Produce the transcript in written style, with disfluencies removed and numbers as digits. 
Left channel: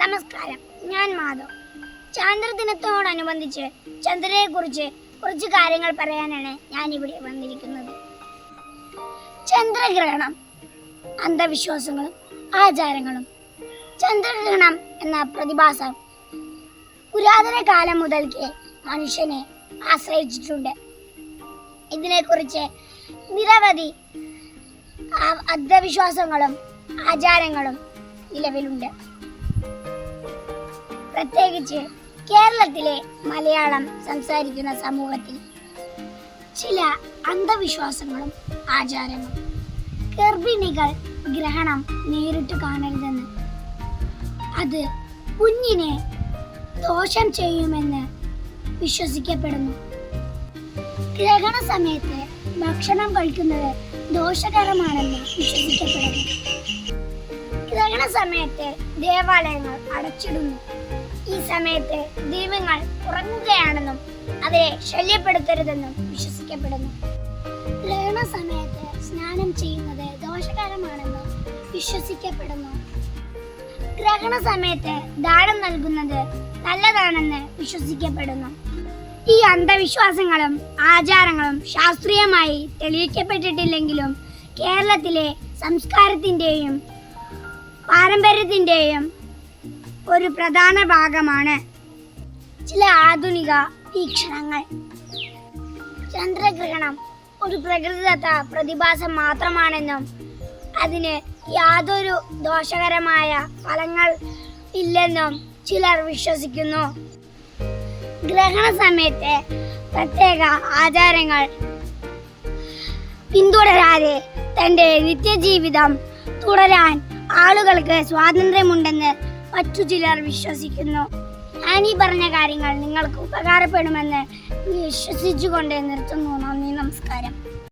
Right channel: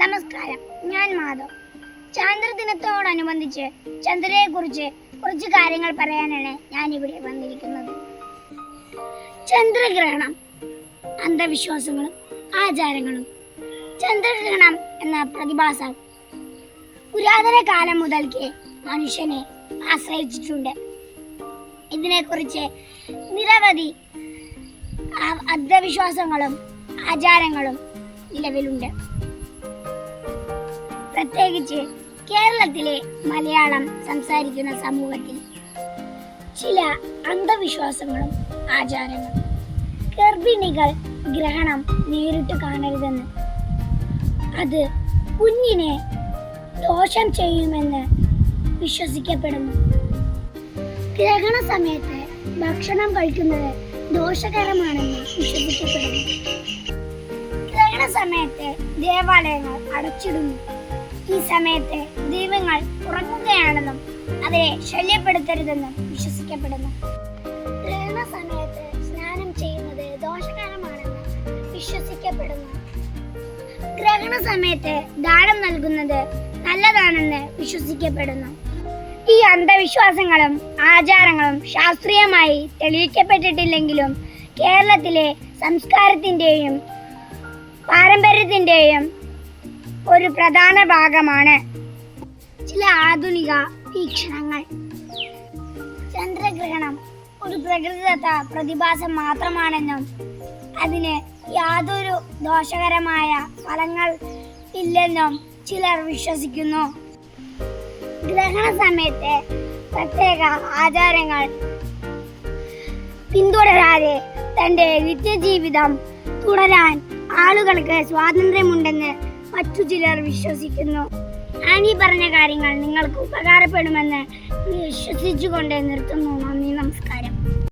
നമസ്കാരം, ഞാൻ മാധവ്. ചാന്ദ്രദിനത്തോടനുബന്ധിച്ച് ചന്ദ്രനെക്കുറിച്ച് കുറച്ച് കാര്യങ്ങൾ പറയാനാണ് ഞാൻ ഇവിടെ വന്നിരിക്കുന്നത്. ചന്ദ്രഗ്രഹണം, അന്ധവിശ്വാസങ്ങളും ആചാരങ്ങളും. ചന്ദ്രഗ്രഹണം എന്ന പ്രതിഭാസം പുരാതന കാലം മുതൽക്കേ മനുഷ്യനെ ആശ്രയിച്ചിട്ടുണ്ട്. ഇതിനെക്കുറിച്ച് നിരവധി അന്ധവിശ്വാസങ്ങളും ആചാരങ്ങളും നിലവിലുണ്ട്. പ്രത്യേകിച്ച് കേരളത്തിലെ മലയാളം സംസാരിക്കുന്ന സമൂഹത്തിൽ ചില അന്ധവിശ്വാസങ്ങളും ആചാരങ്ങളും. ഗർഭിണികൾ ഗ്രഹണം നേരിട്ട് കാണരുതെന്ന്, അത് കുഞ്ഞിനെ ദോഷം ചെയ്യുമെന്ന് വിശ്വസിക്കപ്പെടുന്നു. ഗ്രഹണ സമയത്ത് ഭക്ഷണം കഴിക്കുന്നത് ദോഷകരമാണെന്ന് വിശ്വസിക്കപ്പെടുന്നു. ഗ്രഹണ സമയത്ത് ദേവാലയങ്ങൾ അടച്ചിടുന്നു. ഈ സമയത്ത് ദൈവങ്ങൾ ഉറങ്ങുകയാണെന്നും അവരെ ശല്യപ്പെടുത്തരുതെന്നും വിശ്വസിക്കപ്പെടുന്നു. ഗ്രഹണ സമയത്ത് സ്നാനം ചെയ്യുന്നത് ദോഷകരമാണെന്ന് വിശ്വസിക്കപ്പെടുന്നു. ഗ്രഹണ സമയത്ത് ദാനം നൽകുന്നത് നല്ലതാണെന്ന് വിശ്വസിക്കപ്പെടുന്നു. ഈ അന്ധവിശ്വാസങ്ങളും ആചാരങ്ങളും ശാസ്ത്രീയമായി തെളിയിക്കപ്പെട്ടിട്ടില്ലെങ്കിലും കേരളത്തിലെ സംസ്കാരത്തിൻ്റെയും പാരമ്പര്യത്തിൻ്റെയും ഒരു പ്രധാന ഭാഗമാണ്. ചില ആധുനിക വീക്ഷണങ്ങൾ. ചന്ദ്രഗ്രഹണം ഒരു പ്രകൃതിദത്ത പ്രതിഭാസം മാത്രമാണെന്നും അതിന് യാതൊരു ദോഷകരമായ ഫലങ്ങൾ ഇല്ലെന്നും ചിലർ വിശ്വസിക്കുന്നു. ഗ്രഹണ സമയത്തെ പ്രത്യേക ആചാരങ്ങൾ പിന്തുടരാതെ തൻ്റെ നിത്യജീവിതം തുടരാൻ ആളുകൾക്ക് സ്വാതന്ത്ര്യമുണ്ടെന്ന് മറ്റു ചിലർ വിശ്വസിക്കുന്നു. ഞാൻ ഈ പറഞ്ഞ കാര്യങ്ങൾ നിങ്ങൾക്ക് ഉപകാരപ്പെടുമെന്ന് വിശ്വസിച്ചുകൊണ്ട് നിർത്തുന്നു. നന്ദി, നമസ്കാരം.